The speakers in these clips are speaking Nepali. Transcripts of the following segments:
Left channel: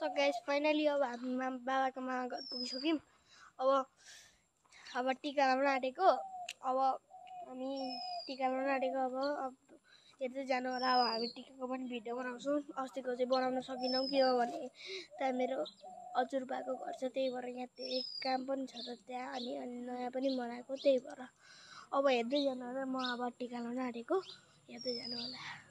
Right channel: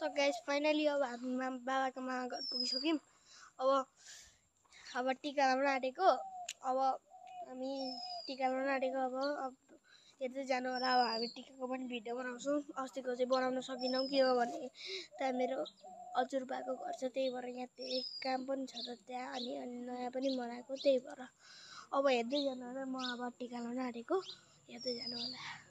तो गाइस फाइनली अब हामी बाबाको मामा घर पुगिसक्यौँ। अब टिका लाउन आँटेको। अब हामी टिका लाउन आँटेको। अब हेर्दै जानु होला। अब हामी टिकाको पनि भिडियो बनाउँछौँ। अस्तिको चाहिँ बनाउन सकिनौँ किनभने त्यहाँ मेरो हजुरबाको घर छ, त्यही भएर यहाँ धेरै काम पनि छ त त्यहाँ, अनि नयाँ पनि बनाएको, त्यही भएर अब हेर्दै जानु होला। म अब टिका लाउन आँटेको, हेर्दै जानु होला।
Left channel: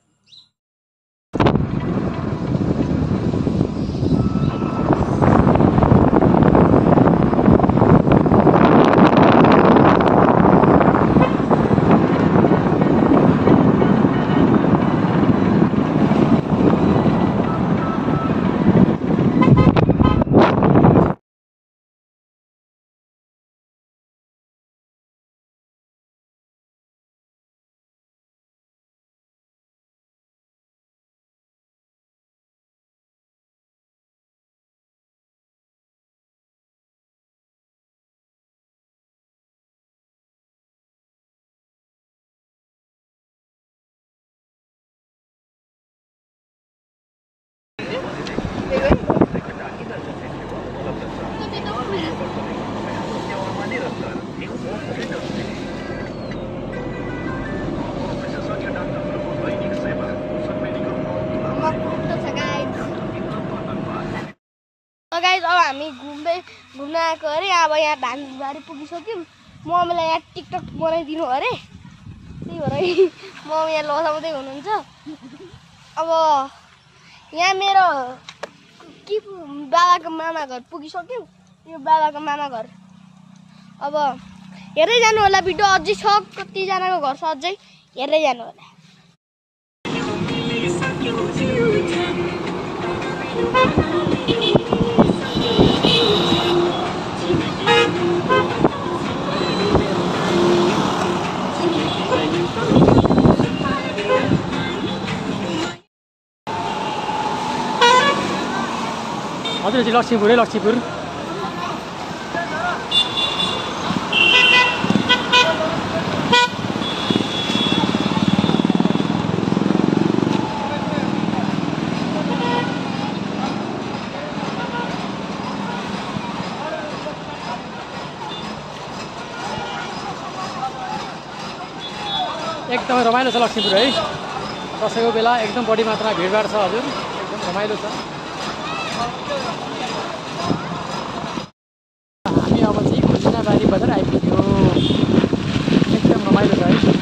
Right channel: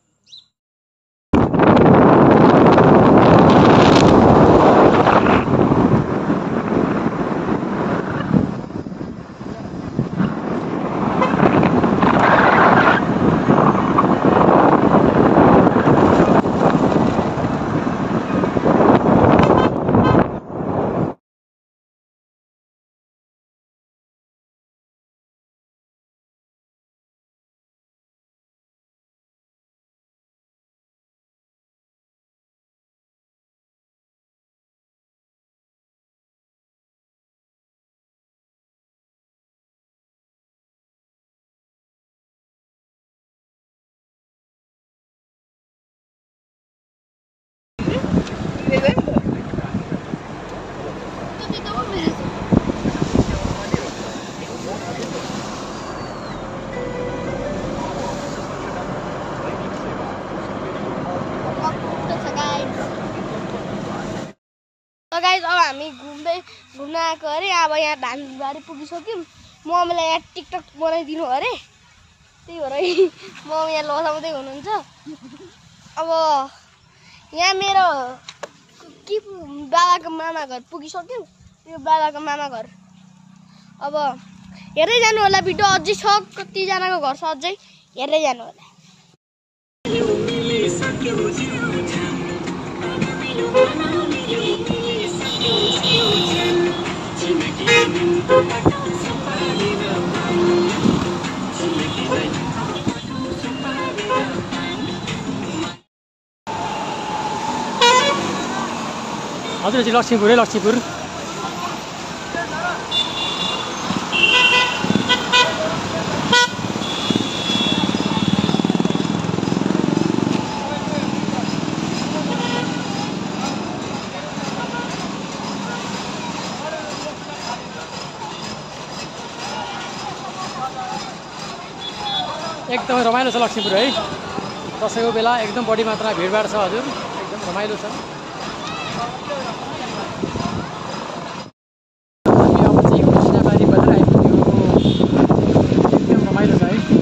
गाइस अब हामी घुम्न आएको अरे। अब यहाँ धानबारी पुगिसक्यौँ। मम्मीलाई यहाँ टिकटक बनाइदिनु अरे, त्यही भएर मम्मी यहाँ लसाउँदै हुनुहुन्छ। अब यहाँ मेरो बाबाको मामा घर पुगिसक्यौँ। यो बाबाको मामा घर। अब हेर्दै जानु होला, भिडियो अझै छ, कतिजनाको घर छ अझै, हेर्दै जानु होला। हजुर चाहिँ लक्ष्मीपुर लक्ष्मीपुर एकदमै रमाइलो छ लक्ष्मीपुर है। दसैँको बेला एकदम बढी मात्रामा भिडभाड छ हजुर, एकदम रमाइलो छ। हामी अब चाहिँ कृष्णबारी बजार आइपुग्यो, एकदम रमाइलो छ है।